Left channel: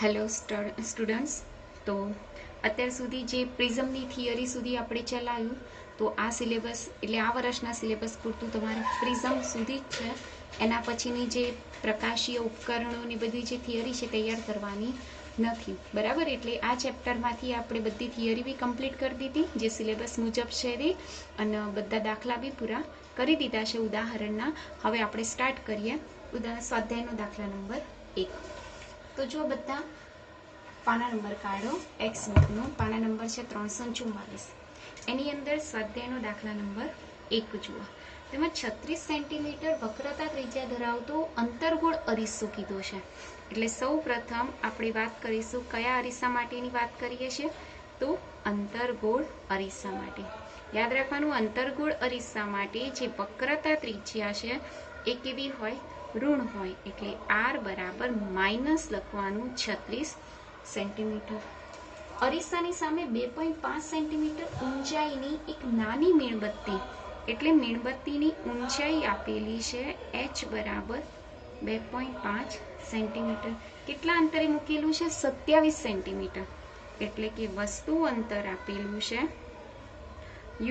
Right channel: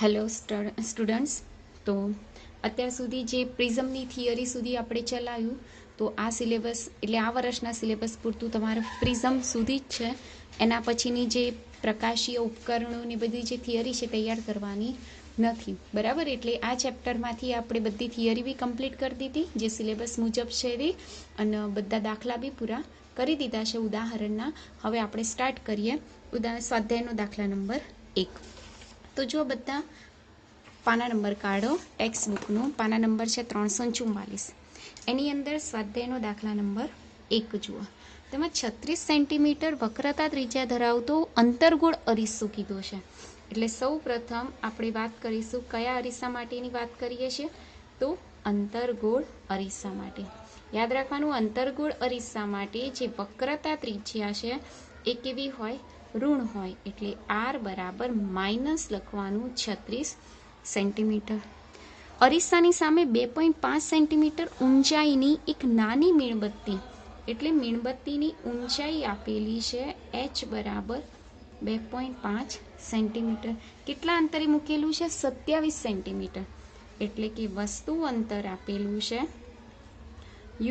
Hello students, તો અત્યાર સુધી જે પ્રિઝમની થિયરી સુધી આપણે ચલાવ્યું, તો આ સિલેબસ એટલે આ વર્ષના સિલેબસ પૂરતું તમારે પ્રિઝમ સુધી જ છે. એના પછીની જે પ્રકાશીય ઉપકરણોની બધી જે થિયરી છે તૈયાર કરવાની નથી, બરાબર. એટલે આ ચેપ્ટરમાંથી આપણે બધી થિયરી બી કમ્પ્લીટ કરી દીધી જે સિલેબસ મુજબ છે એ, અને બધા દાખલા બી પૂરા કરી દીધા છે ઉદાહરણના. હવે આપણે સ્ટાર્ટ કરીએ. સ્વાધ્યાયનો દાખલા નંબર 1. તો જો બધા પાના નંબર કાઢો. ટેક્સ્ટ બુકનો પાના નંબર છે 344. એની અંદર સ્વાધ્યાયનો દાખલા નંબર 1 જુઓ. તેમાં 36 સેન્ટીમીટર વક્રતા ત્રિજ્યા ધરાવતો અંતર્ગોળ અરીસો કીધો છે. એટલે સૌ પ્રથમ આપણે વાત કરીશું કયા અરીસા માટેની વાત કરીએ છીએ, તો અંતર્ગોળ અરીસા માટે. યાદ રાખવાનું, અંતર્ગોળ અરીસા માટે જે વક્રતા ત્રિજ્યા છે એ કેવી હોય? ઋણ હોય. એટલે આર બરાબર માઇનસ લખવાનું 36 સેન્ટીમીટર. અરીસાની સામે 2.5 સેન્ટીમીટર ઊંચાઈની એક નાની મીણબત્તી, એટલે મીણબત્તીની ઊંચાઈ આપેલી છે h બરાબર 2.5 સેન્ટીમીટર. કેટલા અંતરે મૂકેલું છે? 27 સેન્ટીમીટર. એટલે કે વસ્તુ અંતર આપેલું છે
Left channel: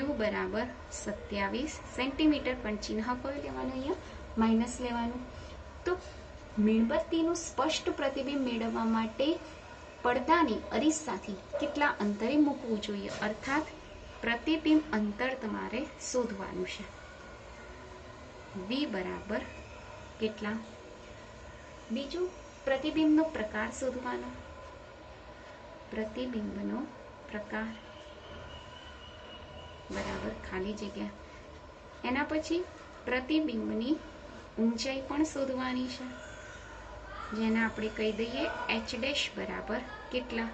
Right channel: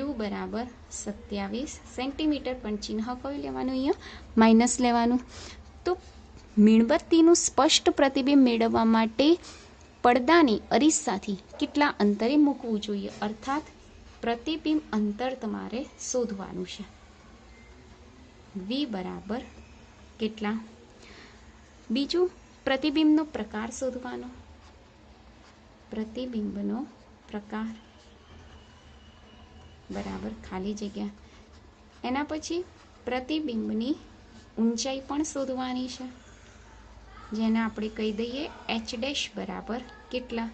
u બરાબર 27 સેન્ટીમીટર. પણ ચિહ્ન કયું લેવાનું? અહીંયા માઇનસ લેવાનું. તો મીણબત્તીનું સ્પષ્ટ પ્રતિબિંબ મેળવવા માટે પડદાની અરીસાથી કેટલા અંતરે મૂકવું જોઈએ? અર્થાત પ્રતિબિંબ અંતર તમારે શોધવાનું છે. v બરાબર કેટલા? બીજું, પ્રતિબિંબનો પ્રકાર શોધવાનો. પ્રતિબિંબનો પ્રકાર બરાબર ખાલી જગ્યા. એના પછી પ્રતિબિંબની ઊંચાઈ પણ શોધવાની છે, જેને આપણે કહી દઈએ h ડેશ બરાબર કેટલા.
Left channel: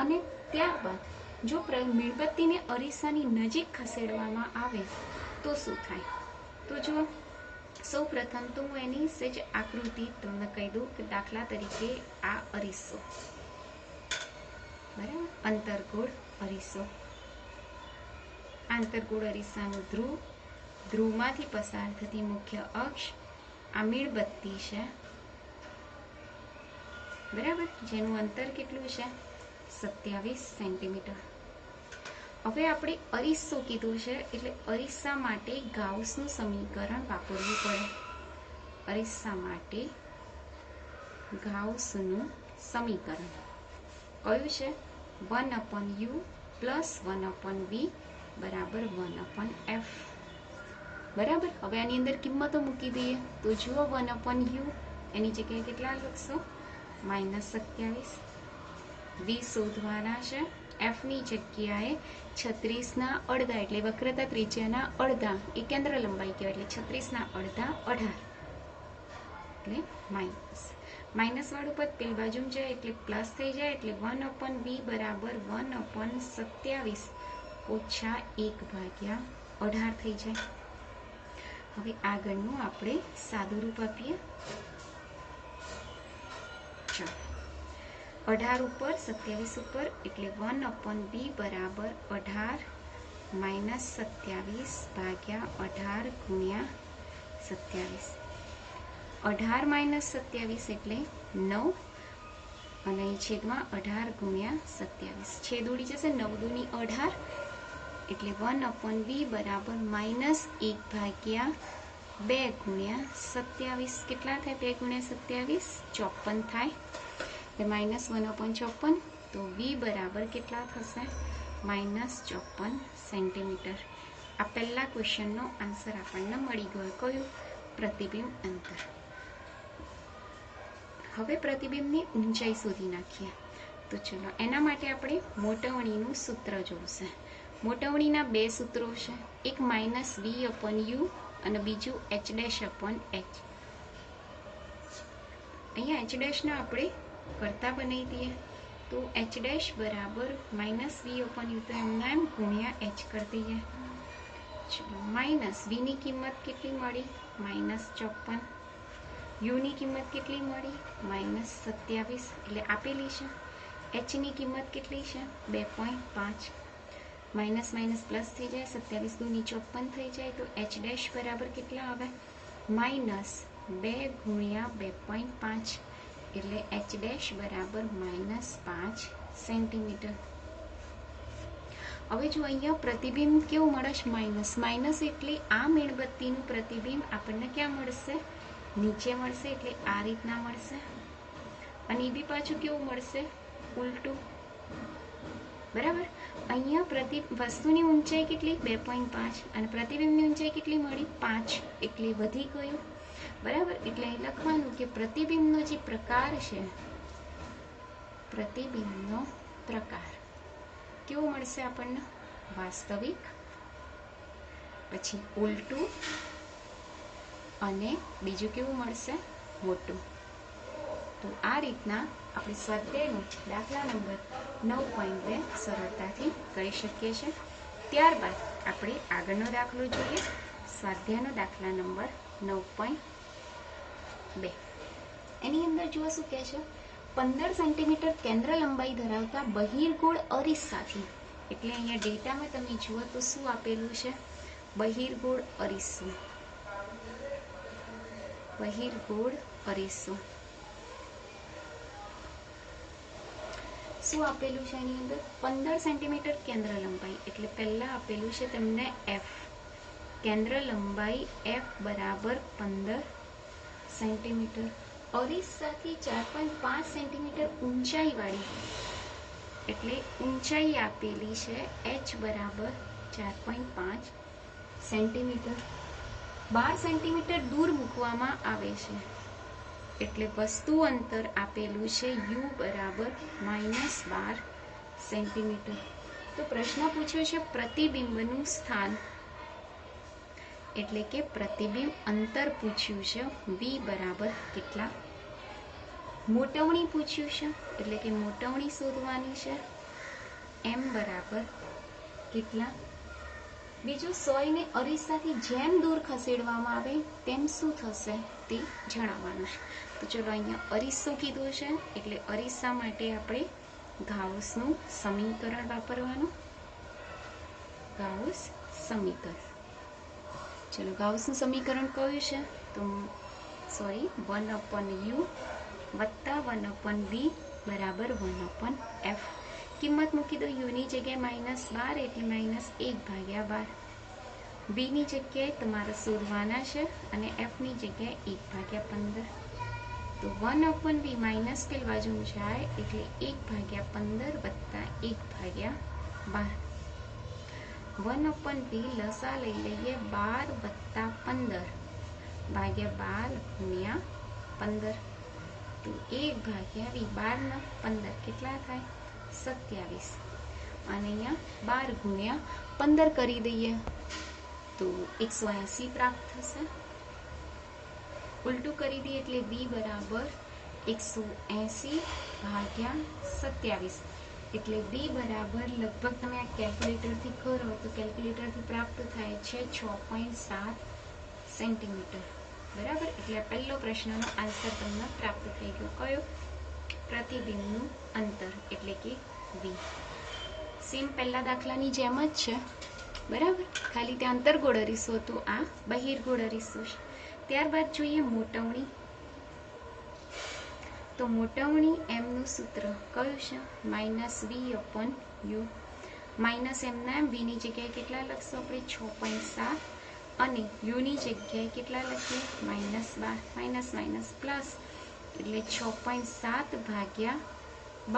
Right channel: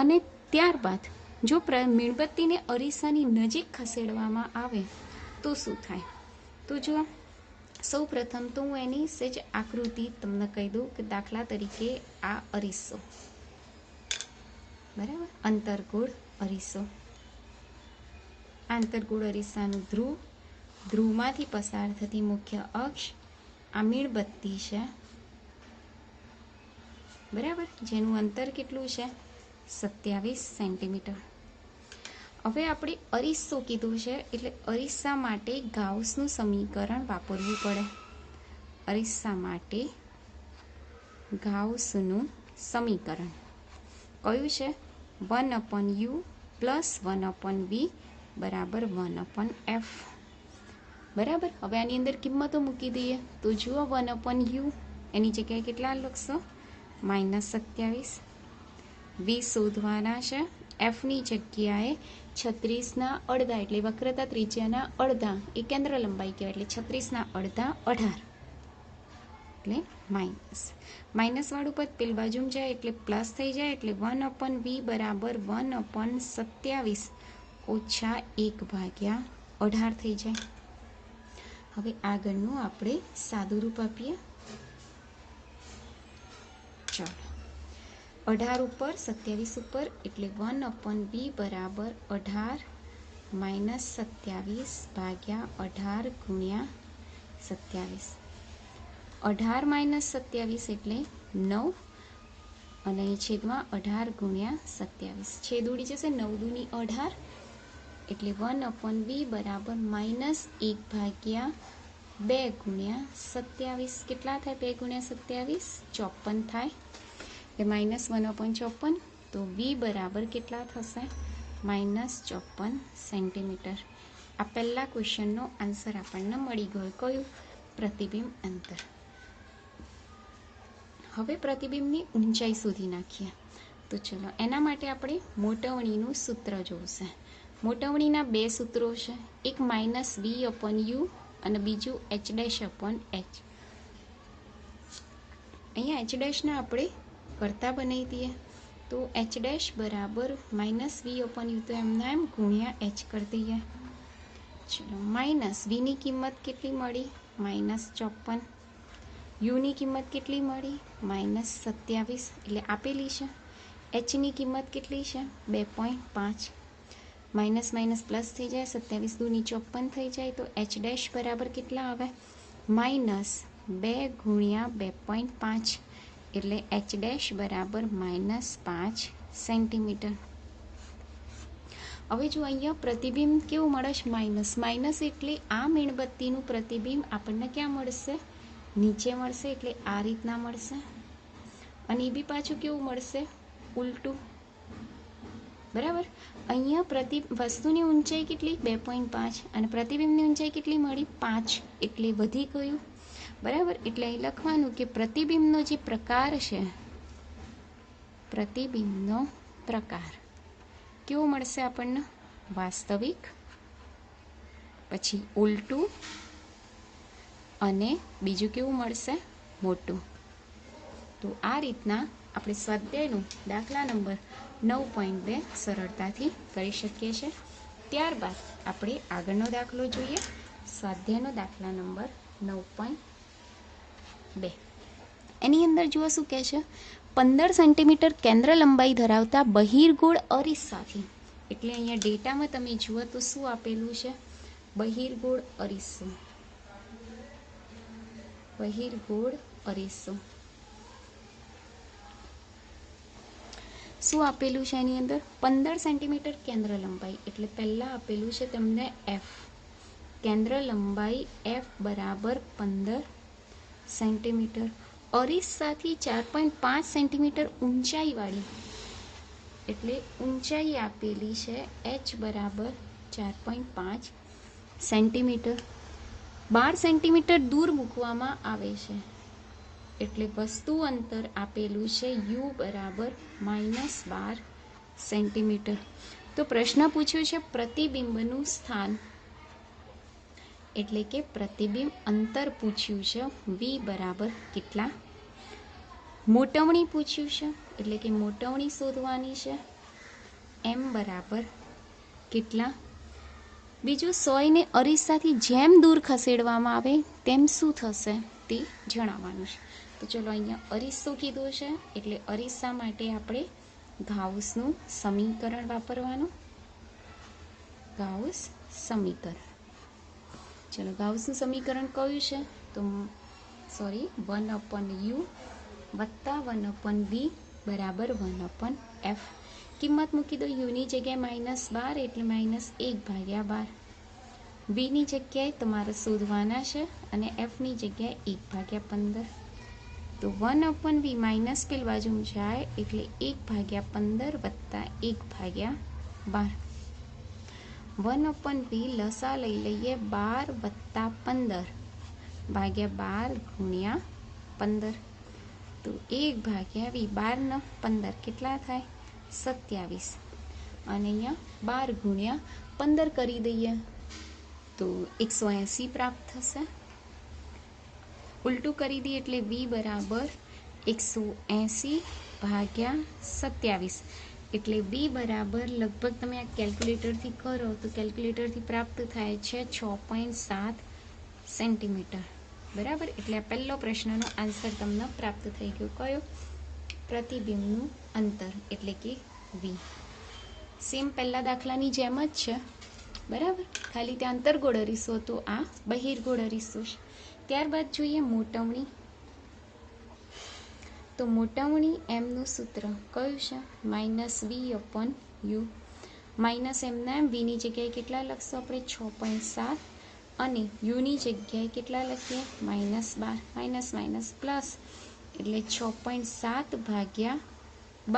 અને ત્યારબાદ જો મીણબત્તીને અરીસાની નજીક ખસેડવામાં આવે તો શું થાય? તો જુઓ, સૌ પ્રથમ તો હું એની સહેજ આકૃતિ તમને કહી દઉં કે દાખલા તરીકે આ અરીસો, બરાબર, અંતર્ગોળ અરીસો. આંતરગોળ અરીસાનું ધ્રુવ, ધ્રુવમાંથી પસાર થતી મુખ્ય અક્ષ, આ મીણબત્તી છે, બરાબર, જેનું અંતર કેટલું છે? 27 સેન્ટીમીટર. હવે આપણે અરીસો કીધું છે એટલે અરીસા માટે ગાઉસનું સમીકરણ વાપરવું પડે. અરીસા માટે ગાઉસનું સમીકરણ કયું છે? 1/u પ્લસ 1/v બરાબર 1/f. બરાબર. હવે આની અંદર કિંમતો મૂકી દઈએ. તો જુઓ, 1/u એની જગ્યાએ કેટલા લખશો? -27. v શોધવાના છે. f ની જગ્યાએ 36 અડધા, એટલે વક્રતા ત્રિજ્યાના અડધા, એ કેન્દ્ર લંબાઈ કહેવાય. એટલે 36 અડધા 18, એટલે માઇનસ. માઇનસ વાળું પદ પેલી બાજુમાં જાય એટલે પ્લસ થઈ જાય. એટલે 1/v બરાબર 1/27 ઓછા 1/18 થઈ જાય. હવે આગળનું આપણે સાદું રૂપ આપીએ. ચાલો, 18 ઉપર 27 ઉપર, એટલે 1/v બરાબર 18 માઇનસ 27/18 ગુણ્યા 27. 18 માઇનસ 27 એટલે 9, અને અહીં છેદમાં 18 ગુણ્યા 27. છેદ ઉડી જશે. 9 દૂની 18, એટલે 1/v બરાબર -1/2 ગુણ્યા 27. કેટલા થાય? 2 ગુણ્યા 27 54 થાય. એટલે -1/54. તો v બરાબર કેટલા થશે? -54 સેન્ટીમીટર. આ પહેલા ક્વેશ્ચનનો આન્સર આપણને મળી ગયો. કયું? પ્રતિબિંબ અંતર. હવે પ્રતિબિંબની ઊંચાઈ શોધી નાખીએ. તો ચલો, એના માટે આપણે મોટવણીનું સૂત્ર જોશે. મોટવણીના બે સૂત્રો છે, એક -v/u અને બીજું h' h. અહીંયા h' ને આપણે કરતા બનાવી દઈએ. તો h' બરાબર -v/u, તો એમના એમ ગુણ્યા h કરી દઈએ. ચલો, માઇનસ v ની કિંમત કેટલી મળી? -54. u ની કિંમત કેટલી મળી? -27, એટલે આપેલી છે. h ની કિંમત કેટલી છે? 2.5. માઇનસ માઇનસ પ્લસ થઈ જાય. 27 દૂની 54 થઈ જાય. તો h' બરાબર કેટલા આવે? -2 ગુણ્યા 2.5, એટલે એચ ડેશ બરાબર -5 સેન્ટીમીટર. હવે જો અહીંયા પ્રતિબિંબ કેવું મળે છે? માઇનસ એટલે આ મીણબત્તીનું પ્રતિબિંબ આપણને ક્યાં મળશે? નીચે મળશે, એટલે આ રીતના મળશે. અને એ બી પાછું કેવું મળશે? ઉલટું. બરાબર. અહીંયા વસ્તુની ઊંચાઈ કેટલી? 2.5 અને પ્રતિબિંબની ઊંચાઈ કેટલી મળી? 5. એટલે વધી ગયું. બરાબર. એટલે અહીં લખવાનું કે પ્રતિબિંબનો જે પ્રકાર છે, પ્રતિબિંબનો પ્રકાર કેવો મળશે આપણને? વાસ્તવિક, પછી ઉલટું, અને બીજું કેવું મળશે? મોટું. તો આ રીતના આપણે સ્વાધ્યાયનો દાખલા નંબર 9.2 સરળતાથી કરી શકીએ છીએ. ત્યારબાદ આપણે આગળનો દાખલો જોઈએ. સ્વાધ્યાયનો દાખલા નંબર 9.2. એની અંદર જુઓ શું કહે છે? 15 સેન્ટીમીટર કેન્દ્ર લંબાઈ ધરાવતા બહિર્ગોળ અરીસાથી, એટલે અહીંયા ડેટામાં તમે જુઓ તો શું આપેલું છે? બહિર્ગોળ અરીસો. બહિર્ગોળ અરીસો શું આપેલું છે? એની અંદર 15 સેન્ટીમીટર કેન્દ્ર લંબાઈ, એટલે પહેલા આપેલું છે તમને એફ. કેન્દ્ર લંબાઈ એફ બરાબર 15 સેન્ટીમીટર. અરીસાથી 4.5 સેન્ટીમીટર ઊંચાઈ વાળી, એટલે ઊંચાઈ આપેલી છે એચ બરાબર 4.5 સેન્ટીમીટર. 12 સેન્ટીમીટર દૂર મૂકવામાં આવે છે, એટલે વસ્તુ અંતર આપેલું છે યુ બરાબર -12 સેન્ટીમીટર. તો પ્રશ્ન પૂછ્યો છે પ્રતિબિંબનું સ્થાન, એટલે કે પ્રતિબિંબ અંતર પૂછ્યું છે. વી બરાબર કેટલા? મોટવણી પૂછ્યું છે, એટલે કે મોટવણી શોધવાની છે. એમ બરાબર કેટલા? બીજું 100 ને અરીસાથી જેમ દૂર ખસેડવામાં આવે તેમ શું થશે તે જણાવવાનું છે. તો ચલો અહીંયા અરીસો કીધો છે, એટલે અરીસા માટે આપણે ગાઉસનું સમીકરણ વાપરવાનું. ગાઉસ સમીકરણ. ચલો ગાઉસનું સમીકરણ કયું છે? તો 1/u વત્તા 1/v બરાબર 1/f. કિંમત મૂકી દો. યુની જગ્યાએ -12 એટલે -1/12. વીની જગ્યાએ તમારે શોધવાના છે અને એફની જગ્યાએ 1/15. તો 1/v માઇનસ પેલ બાજુ જાય એટલે 1/15 વત્તા 1/12. 1/v લસા લઈ લઈએ 12 વત્તા 15 ભાગ્યા 12 ગુણ્યા 15. તો 1/v 12 ને 15 કેટલા થાય? 27. અને અહીંયા 12 ગુણ્યા 15 કરી દઈએ તો 180 પ્રાપ્ત થશે. ઉલટું કરી દઈએ એટલે v બરાબર 180 ભાગ્યા 27, એટલે v બરાબર લગભગ તમે આ કેલ્ક્યુલેટરથી કરો તો કેલ્ક્યુલેટરથી પ્રાપ્ત થાય છે 6.7 સેન્ટીમીટર. બરાબર. એટલે આ પહેલો પ્રશ્નનો આન્સર તમને પ્રાપ્ત થઈ ગયો. કયો? પ્રતિબિંબનું અંતર, એટલે કે v. સેમ પહેલા દાખલાની જેમ જ છે. બરાબર. ખાલી ત્યાં અંતર્ગોળ અરીસો તો આ બહિર્ગોળ અરીસો છે. ત્યારબાદ જોઈએ મોટવણી. તો મોટવણી એમનું સૂત્ર કયું છે? -v/u. માઇનસ એમના વીની જગ્યાએ કેટલા લખશો આપણે? 6.7 અને યુની જગ્યાએ કેટલા લખીએ? -12. માઇનસ પ્લસ એટલે 6.7 ભાગ્યા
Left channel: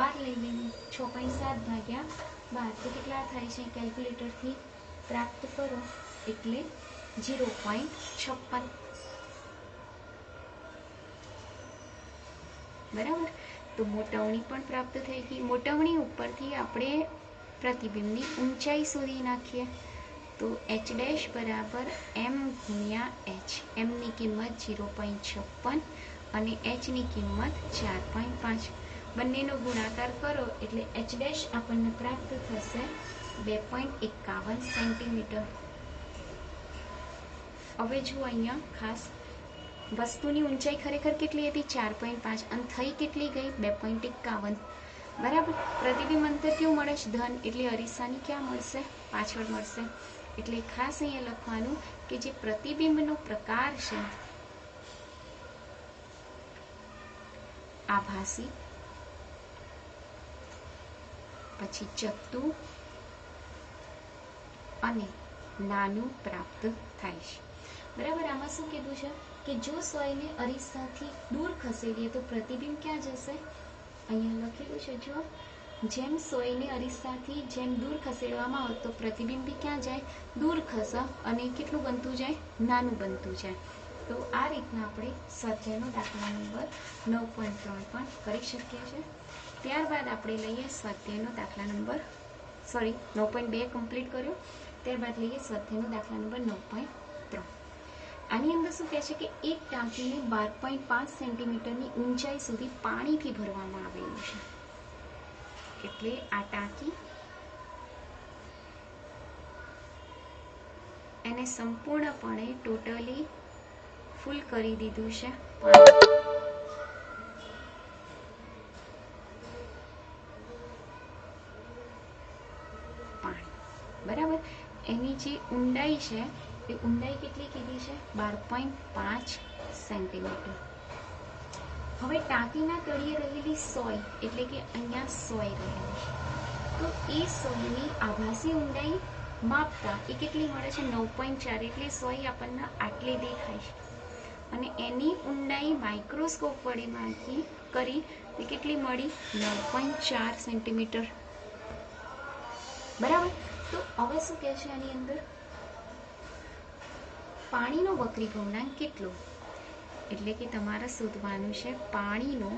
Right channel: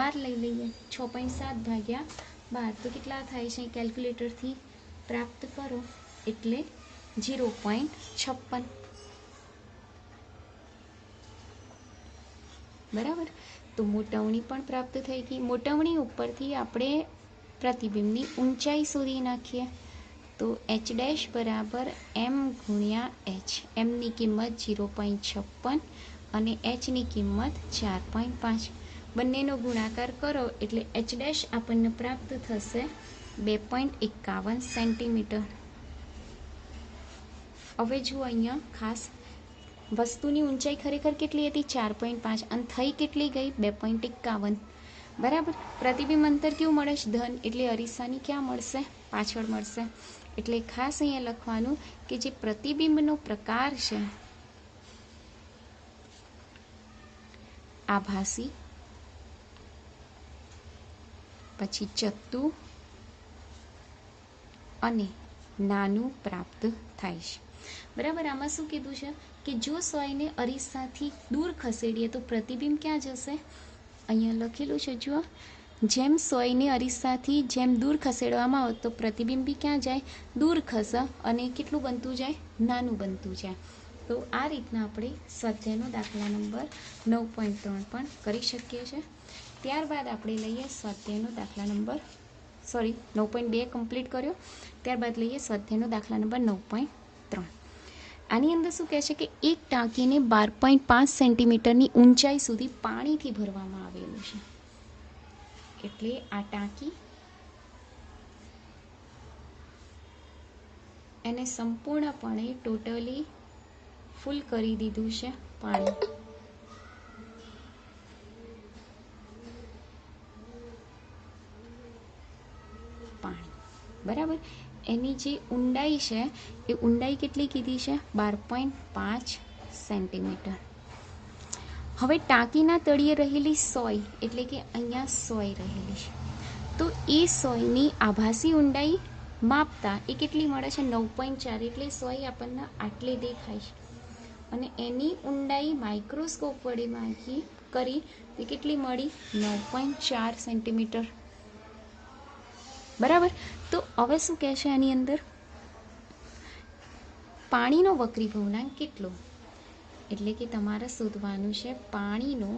12 લઈ લઈએ. 6.7 ભાગ્યા 12 તો કેટલા થાય છે? કેલ્ક્યુલેટરથી પ્રાપ્ત કરો એટલે 0.56. બરાબર. તો મોટવણી પણ પ્રાપ્ત થઈ ગઈ. મોટવણી ઉપરથી આપણે પ્રતિબિંબની ઊંચાઈ શોધી નાખીએ. તો એચ ડેશ બરાબર એમ ગુણ્યા એચ. એમની કિંમત 0.56 અને એચની કિંમત 4.5. બંનેનો ગુણાકાર કરો એટલે એચ ડેશ આપણને પ્રાપ્ત થશે 2.51 સેન્ટીમીટર. હવે જુઓ અહીંયા ખાસ વસ્તુની ઊંચાઈ ખરેખર કેટલી હતી? 4.5 અને થઈ કેટલી ગઈ? 2.51. બરાબર. પ્રતિબિંબ અંતર કેવું મળે છે? ધન, એટલે અરીસાની ક્યાં મળશે? પાછળ મળશે. એટલે ખાસ અહીંયા લખવાનું કે જે પ્રતિબિંબનો પ્રકાર છે, આભાસી, પછી ચત્તુ અને નાનું પ્રાપ્ત થાય છે. બરાબર. આમાં શું કીધું છે કે જો સોયને અરીસાથી દૂર ખસેડીએ તો પ્રતિબિંબ ક્યાં જશે? અહીંયા લખેલું છે જો, જેમ સોયને અરીસાથી જેમ દૂર ખસેડવામાં આવે તો પ્રતિબિંબ બી ક્યાં જાય? દૂર ખસે અને કેટલું બનતું જાય? નાનું બનતું જાય. તો આ રીતના આપણે સ્વાધ્યાયનો દાખલા નંબર 9.3 પણ કરી શકીએ છીએ. ત્યારબાદ આપણે લઈએ સ્વાધ્યાયનો દાખલા નંબર 9.2 કમ્પ્લીટ કર્યો. ત્યારબાદ લઈએ સ્વાધ્યાયનો દાખલા નંબર 9.3. આની અંદર શું કહે છે કે એક ટાંકીને 12.5 સેન્ટીમીટરની ઊંચાઈ સુધી પાણીથી ભરવામાં આવેલું છે. એટલે આ ટાંકી એને સંપૂર્ણપણે ટોટલી ફૂલ કરી દીધું છે પાણી. બરાબર. એની જે ઊંડાઈ છે એ ઊંડાઈ કેટલી કીધી છે? 12.5 સેન્ટીમીટર. હવે ટાંકીના તળિયે રહેલી સોય, એટલે કે અહીંયા સોય રહેલી છે, તો એ સોયની આભાસી ઊંડાઈ માપતા એ કેટલી મળે છે? 9.4. એટલે સોય આપણને આટલી દેખાય છે અને એની ઊંડાઈ માઇક્રોસ્કોપ વડે માપી કરી તે કેટલી મળી? 9.4 સેન્ટીમીટર. બરાબર. તો હવે શું કહે છે આની અંદર? પાણીનો વક્રી ભવનાંક કેટલો? એટલે કે તમારે શોધવાનું છે પાણીનો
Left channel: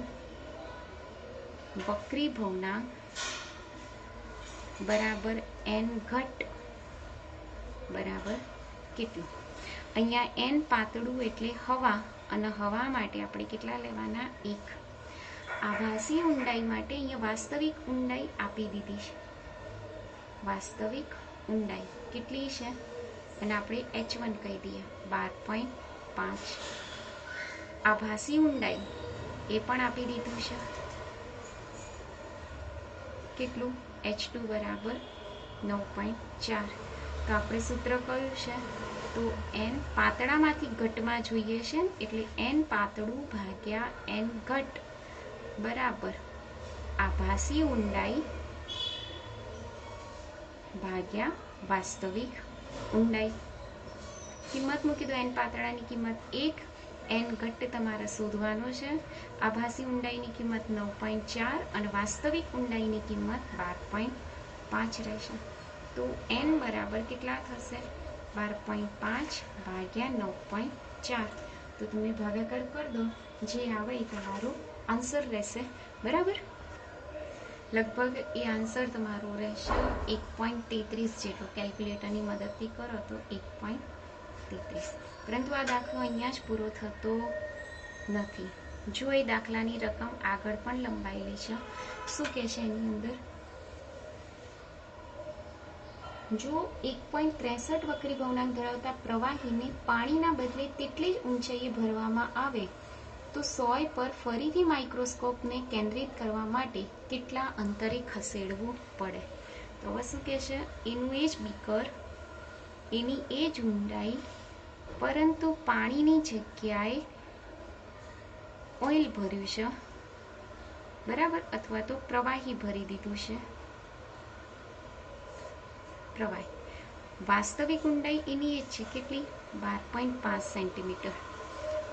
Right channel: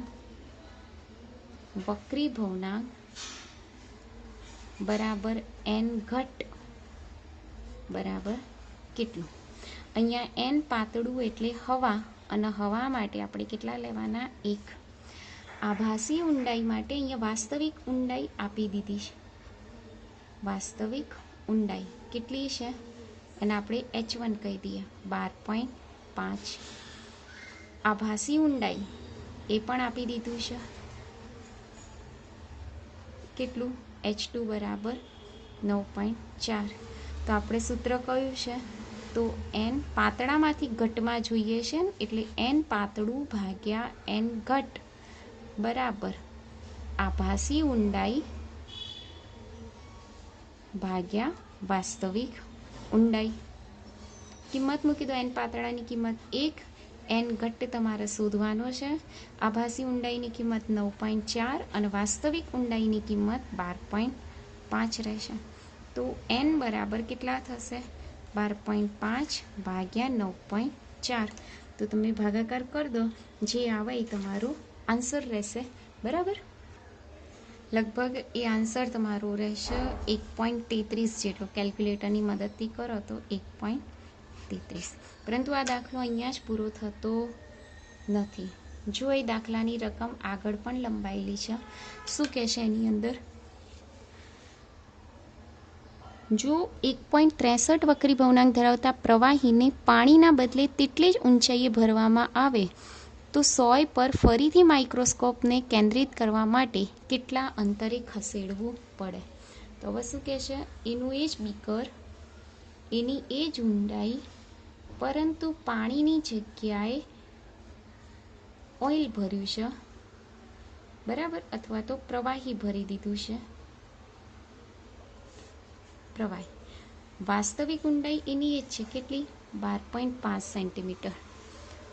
વક્રી ભવનાંક બરાબર n ઘટ બરાબર કેટલું? અહીંયા n પાતળું એટલે હવા, અને હવા માટે આપણે કેટલા લેવાના? 1. આભાસી ઊંડાઈ માટે અહીંયા વાસ્તવિક ઊંડાઈ આપી દીધી છે. વાસ્તવિક ઊંડાઈ કેટલી છે? અને આપણે h1 કહી દઈએ 12.5. આભાસી ઊંડાઈ એ પણ આપી દીધું છે. કેટલું? h2 બરાબર 9.4. તો આપણે સૂત્ર કયું છે? તો n પાતળામાંથી ઘટમાં જોઈએ છે એટલે n પાતળું ભાગ્યા n ઘટ બરાબર આભાસી ઊંડાઈ ભાગ્યા વાસ્તવિક ઊંડાઈ. કિંમત મૂકી દો. n પાતળાની કિંમત 1, n ઘટ તમારે શોધવાનો છે. આભાસી ઊંડાઈની કિંમત 9.4 અને વાસ્તવિક ઊંડાઈની કિંમત 12.5 રહેશે. તો n બરાબર કેટલા થશે? 12.5 ભાગ્યા 9.4. તો તમે ભાગાકાર કરી દો, જે આવે એ તમારું આન્સર રહેશે. બરાબર. લગભગ એ આન્સર તમારો રહેશે 1.33 જેટલો. કેલ્ક્યુલેટરની મદદથી કરો તો 1.33. પરંતુ આ દાખલો અહીંયા જ પૂરો થતો નથી. જો એ દાખલાની રકમ આગળ પણ લંબાયેલી છે. શું કહે છે એની અંદર? જો 1.63 વક્રી ભવનાંક ધરાવતા પ્રવાહીને પાણીના બદલે તેટલી જ ઊંચાઈએ ભરવામાં આવે તો સોય પર ફરીથી માઇક્રોસ્કોપને કેન્દ્રિત કરવા માટે કેટલા અંતરે ખસેડવું પડે? તો હવે શું કહે છે? એનું એ જ બીકર, એની એ જ ઊંડાઈ, પરંતુ પાણીની જગ્યાએ ઓઇલ ભર્યું છે. બરાબર. અથવા તો પ્રવાહી ભરી દીધું છે. પ્રવાહી. વાસ્તવિક ઊંડાઈ એની એ જ છે. કેટલી? 12.5 સેન્ટીમીટર.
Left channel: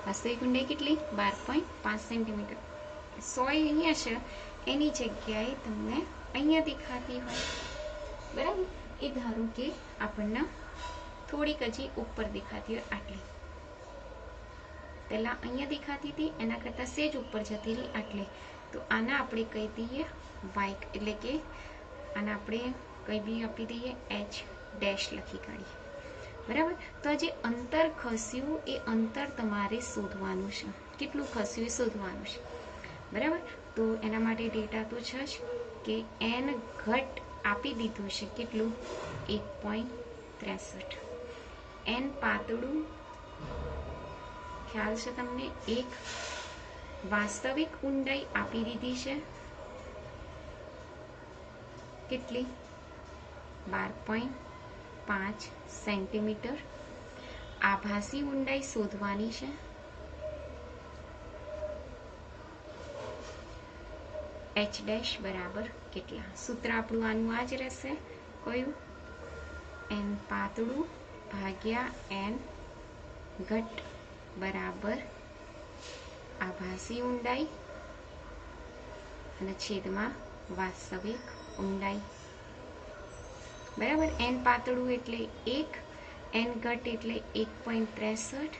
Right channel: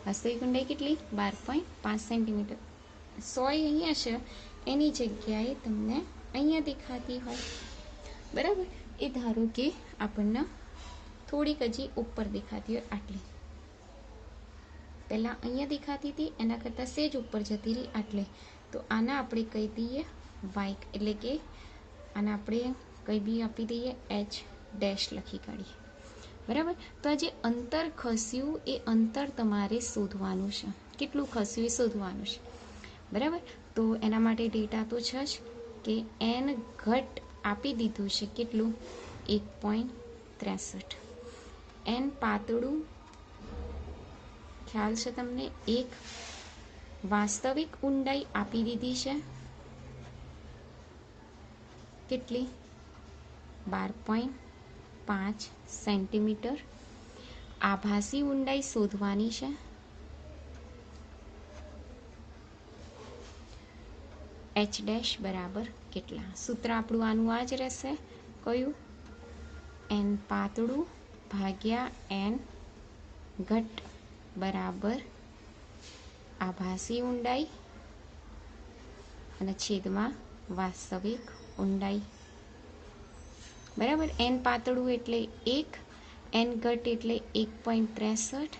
વાસ્તવિક ઊંડાઈ કેટલી? 12.5 સેન્ટીમીટર. સોય અહીંયા છે, એની જગ્યાએ તમને અહીંયા દેખાતી હોય. બરાબર. એ ધારો કે આપણને થોડીક હજી ઉપર દેખાતી હોય આટલી. પહેલા અહીંયા દેખાતી હતી, એના કરતાં સેજ ઉપર જતી રહી આટલે. તો આના આપણે કહી દઈએ વાઇક, એટલે કે આના આપણે કંઈ બી આપી દઈએ h ડેશ લખી કાઢીએ. બરાબર. તો આ જે અંતર ખસ્યું એ અંતર તમારે શોધવાનું છે. કેટલું ખસ્યું એ શોધવાનું છે. બરાબર. તો એના માટે ડેટા તો છે જ કે n ઘટ આપી દીધું છે. કેટલું? 1.63. n પાતળું ખ્યાલ છે તમને? 1. વાસ્તવિક ઊંડાઈ આપી દીધી છે. કેટલી? 12.5 સેન્ટીમીટર. આભાસી ઊંડાઈ શોધવાની છે. એચ ડેશ બરાબર કેટલા. સૂત્ર આપણું આનું આ જ રહેશે. કયું? એન પાતળું ભાગ્યા એન ઘટ બરાબર આભાસી ઊંડાઈ અને છેદમાં વાસ્તવિક ઊંડાઈ. બરાબર. એન પાતળું એટલે 1, એન ઘટ એટલે 1.63.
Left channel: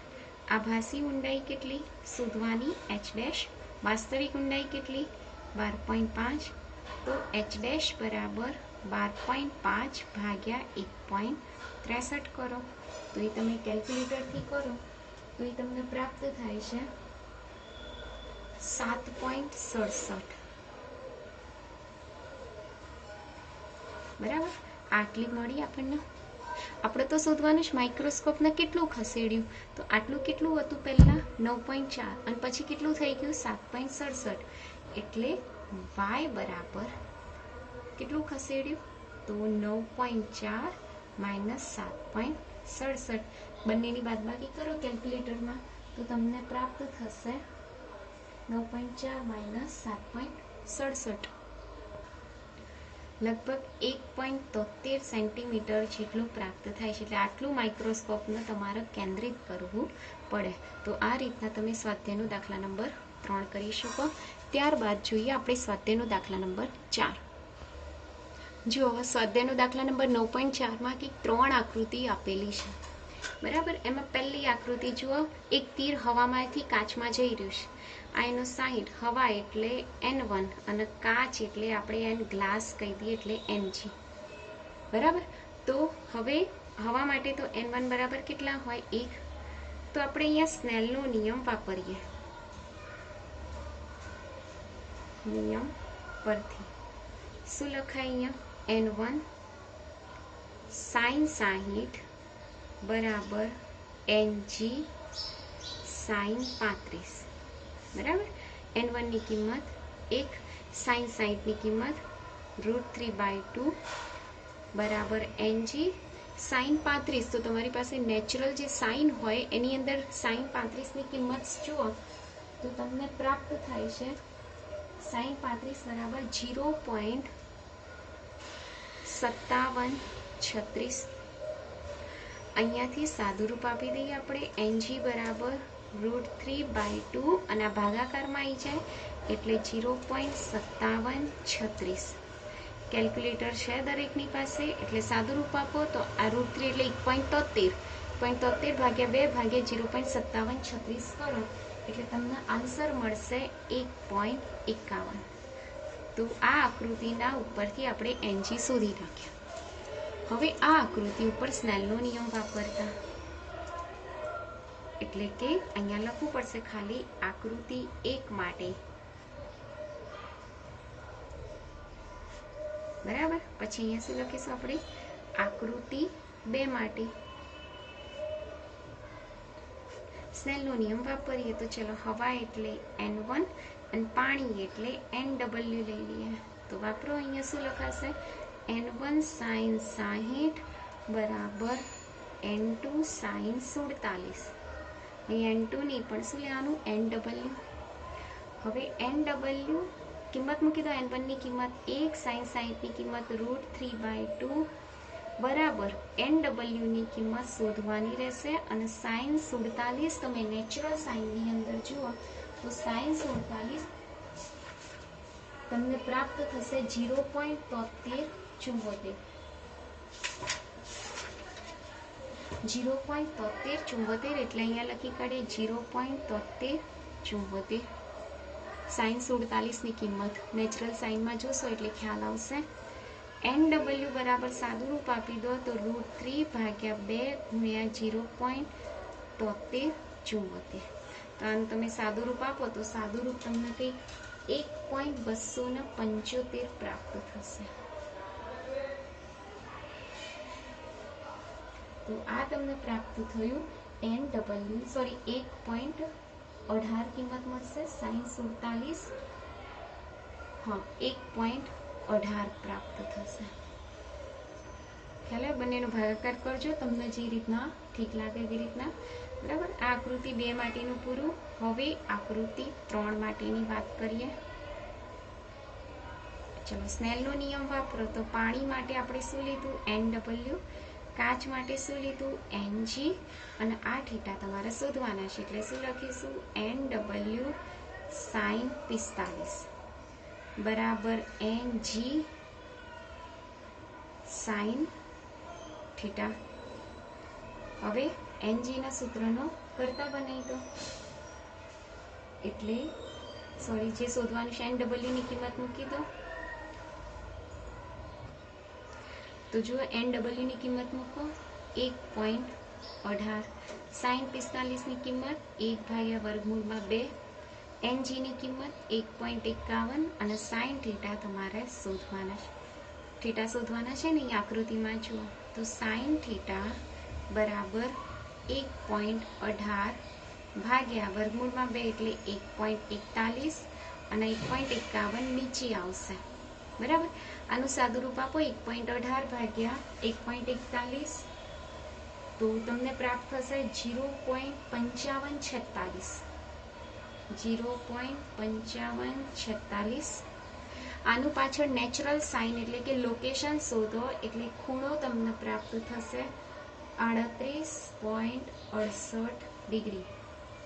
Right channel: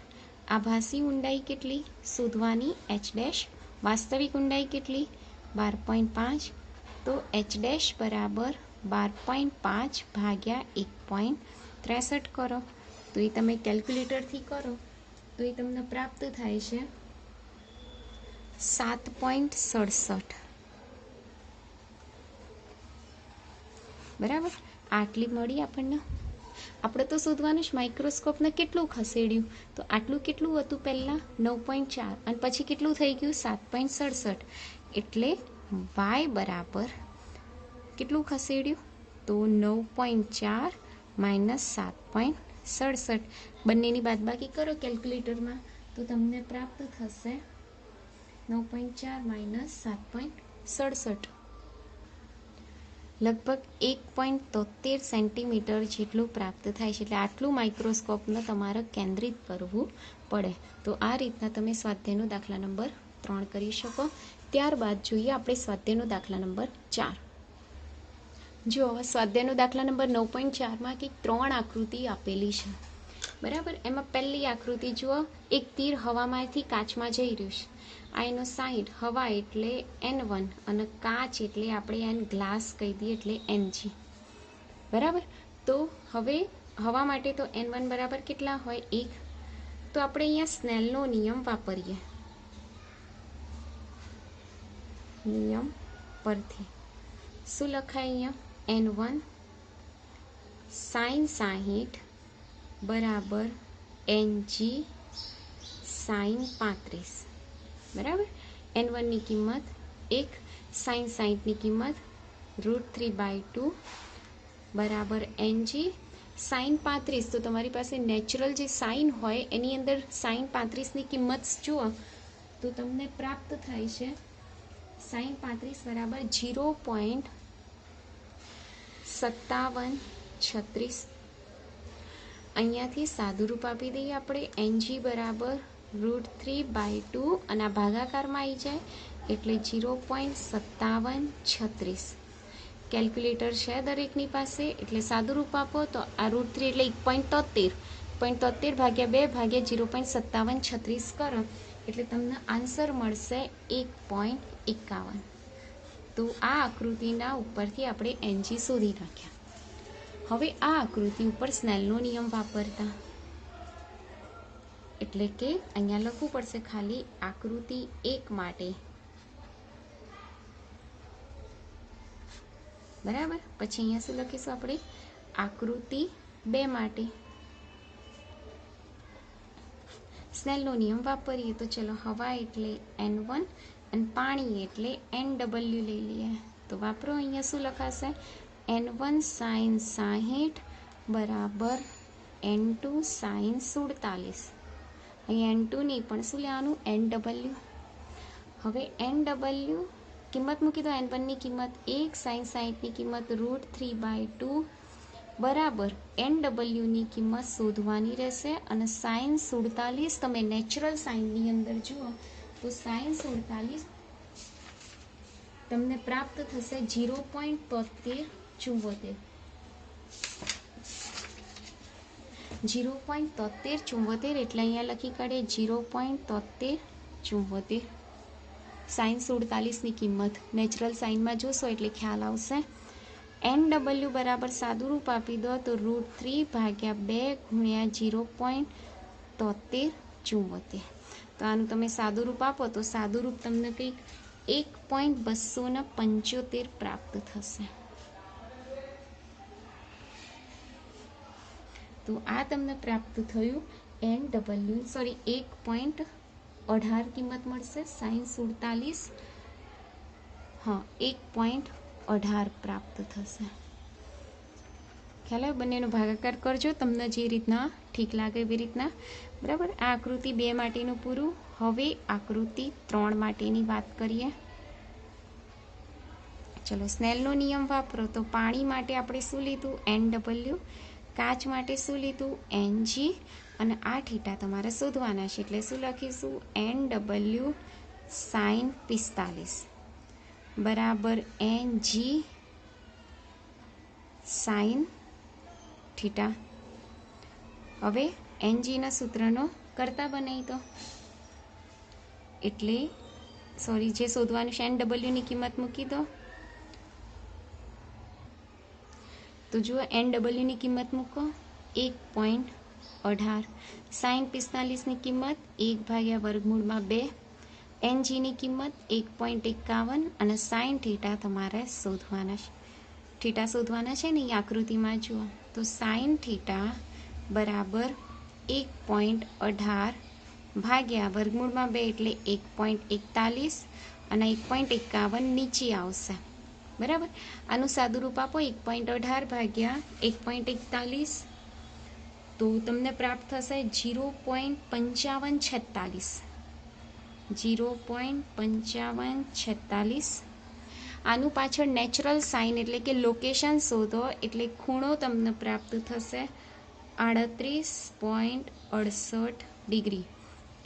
આભાસી ઊંડાઈ કેટલી શોધવાની? H dash. વાસ્તવિક ઊંડાઈ કેટલી? 12.5. તો એચ ડેશ બરાબર 12.5 ભાગ્યા 1.63 કરો. તો એ તમે કેલ્ક્યુલેટરથી કરો તો એ તમને પ્રાપ્ત થાય છે 7.67. બરાબર. આટલી મળી આપણને. આપણે તો શોધવાનું જ માઇક્રોસ્કોપને કેટલું ખસેડ્યું. તો આટલું કેટલું હતું પહેલાં? 9.4 અને પછી કેટલું થઈ ગયું? 7.67. એટલે y બરાબર કેટલું ખસેડ્યું? તો 9.4 માઇનસ 7.67. બંનેની બાદબાકી કરો કેલ્ક્યુલેટરમાં તો તમને પ્રાપ્ત થશે 9.4 માઇનસ 7.67. લગભગ 1.73 સેન્ટીમીટર જેટલું પ્રાપ્ત થાય છે. એટલે આટલું માઇક્રોસ્કોપને તમારે કેન્દ્રિત કરવું પડે. તો આ રીતના તમે સ્વાધ્યાયનો દાખલા નંબર 3 કરી શકો. ત્યારબાદ જોઈએ આપણે સ્વાધ્યાયનો દાખલા નંબર 4. જો સ્વાધ્યાયનો દાખલા નંબર 9.4માં કંઈક 3 આકૃતિ આપેલી છે. બરાબર. એમાં પહેલી આકૃતિ જુઓ, એક તીર હવામાંથી કાચમાં જઈ રહ્યું છે. આ એનો 60. હવા એટલે N1 અને કાચ એટલે આપણે એન ગ્લાસ કહી દઈએ એટલે Ng. બરાબર. તો હવે હવા માટે તો N1 બરાબર કેટલા હોય? 1. તો આપણે અહીંયા સ્નેલનો નિયમ વાપરીએ. નિયમ પરથી શું લખાય અહીંયા? N1 sin 60 બરાબર Ng sin 35. બરાબર. N1 ની કિંમત 1, sin 60 ની કિંમત √3/2 બરાબર Ng sin 35. તો તમારી પાસે નેચરલ જે સાઇન હોય એની અંદર sin 35 ની કિંમત જુઓ તો તમને પ્રાપ્ત થાય છે sin 35 બરાબર 0.5736. અહીંયાથી સાદુરૂપ આપી દઈએ આપણે. Ng બરાબર √3/2 અને આ ભાગાકારમાં આવી જાય એટલે 0.5736. કેલ્ક્યુલેટર છે દરેકની પાસે એટલે સાદુરૂપ આપો તો આ √3 એટલે 1.73. 1.73 ભાગ્યા 2 ભાગ્યા 0.5736 કરો એટલે તમને આન્સર મળશે 1.51. તો આ આકૃતિના ઉપરથી આપણે Ng શોધી નાખ્યા. હવે આ આકૃતિ ઉપર સ્નેલનો નિયમ વાપરતા એટલે કે અહીંયા લખવું પડશે ખાલી આકૃતિ 1 માટે. બરાબર. પછી અહીંયા શું લખીશું આપણે? આકૃતિ 2 માટે સ્નેલનો નિયમ વાપરીએ. તો ચલો, હવા એટલે N1 અને પાણી એટલે NW લઈ લઈએ. તો વાપરો. અહીંયા શું લખાશે? N1 sin 60 બરાબર N2 sin 47. અહીંયા N2 નહીં પણ શું લેવાનું? NW. હવે NW કિંમત મૂકી દો. N1 ની કિંમત 1, sin 60 ની કિંમત √3/2 બરાબર NW ની કિંમત શોધવાની રહેશે. અને sin 47 તમે નેચરલ સાઇનની અંદર જુઓ તો sin 47 તમને પ્રાપ્ત થશે 0.7374. 0.7374 એટલે અહીંયા લખી કાઢીએ 0.7374. sin 47 ની કિંમત નેચરલ સાઇનમાં જોશો એટલે ખ્યાલ આવશે. NW બરાબર સાદુરૂપ આપી દો તો √3/2 ગુણ્યા 0.7374. તો આનું તમે સાદુરૂપ આપો તો સાદુરૂપ તમને કંઈક 1.275 પ્રાપ્ત થશે. તો આ તમને પ્રાપ્ત થયું NW. સોરી, 1.18 કિંમત મળશે. sin 47 હા 1.18 પ્રાપ્ત થશે. ખ્યાલ આવે? બંનેનો ભાગાકાર કરજો તમને જે રીતના ઠીક લાગે એવી રીતના. બરાબર. આ આકૃતિ 2 માટેનું પૂરું. હવે આકૃતિ 3 માટેની વાત કરીએ. ચલો સ્નેલનો નિયમ વાપરો તો પાણી માટે આપણે શું લીધું NW, કાચ માટે શું લીધું NG, અને આ થીટા તમારે શોધવાના છે એટલે શું લખીશું NW sin 45 બરાબર NG sin થીટા. હવે NG ના સૂત્રનો કરતા બનાવી દો એટલે સોરી જે શોધવાનું છે NW ની કિંમત મૂકી દો. તો જુઓ NW ની કિંમત મૂકો 1.18, sin 45 ની કિંમત 1/√2, NG ની કિંમત 1.51 અને sin થીટા તમારે શોધવાના છે. થીટા શોધવાના છે ને એ આકૃતિમાં જુઓ તો sin થીટા બરાબર 1.18 ભાગ્યા √2 એટલે 1.41 અને 1.51 નીચે આવશે. બરાબર, આનું સાદુરૂપ આપો 1.18 ભાગ્યા 1.41 તો તમને પ્રાપ્ત થશે 0.5546. 0.5546. આનું પાછળ નેચરલ સાઇન એટલે કે લોકેશન શોધો એટલે ખૂણો તમને પ્રાપ્ત થશે 38.68 ડિગ્રી.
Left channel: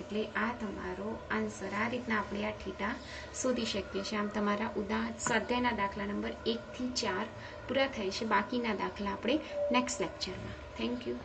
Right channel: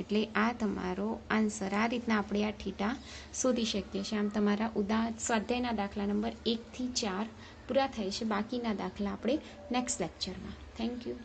એટલે આ તમારો આન્સર. આ રીતના આપણે આ થીટા શોધી શકીએ છીએ. આમ તમારા સ્વાધ્યાયના દાખલા નંબર 1 થી 4 પૂરા થાય છે. બાકીના દાખલા આપણે નેક્સ્ટ લેક્ચરમાં. Thank you.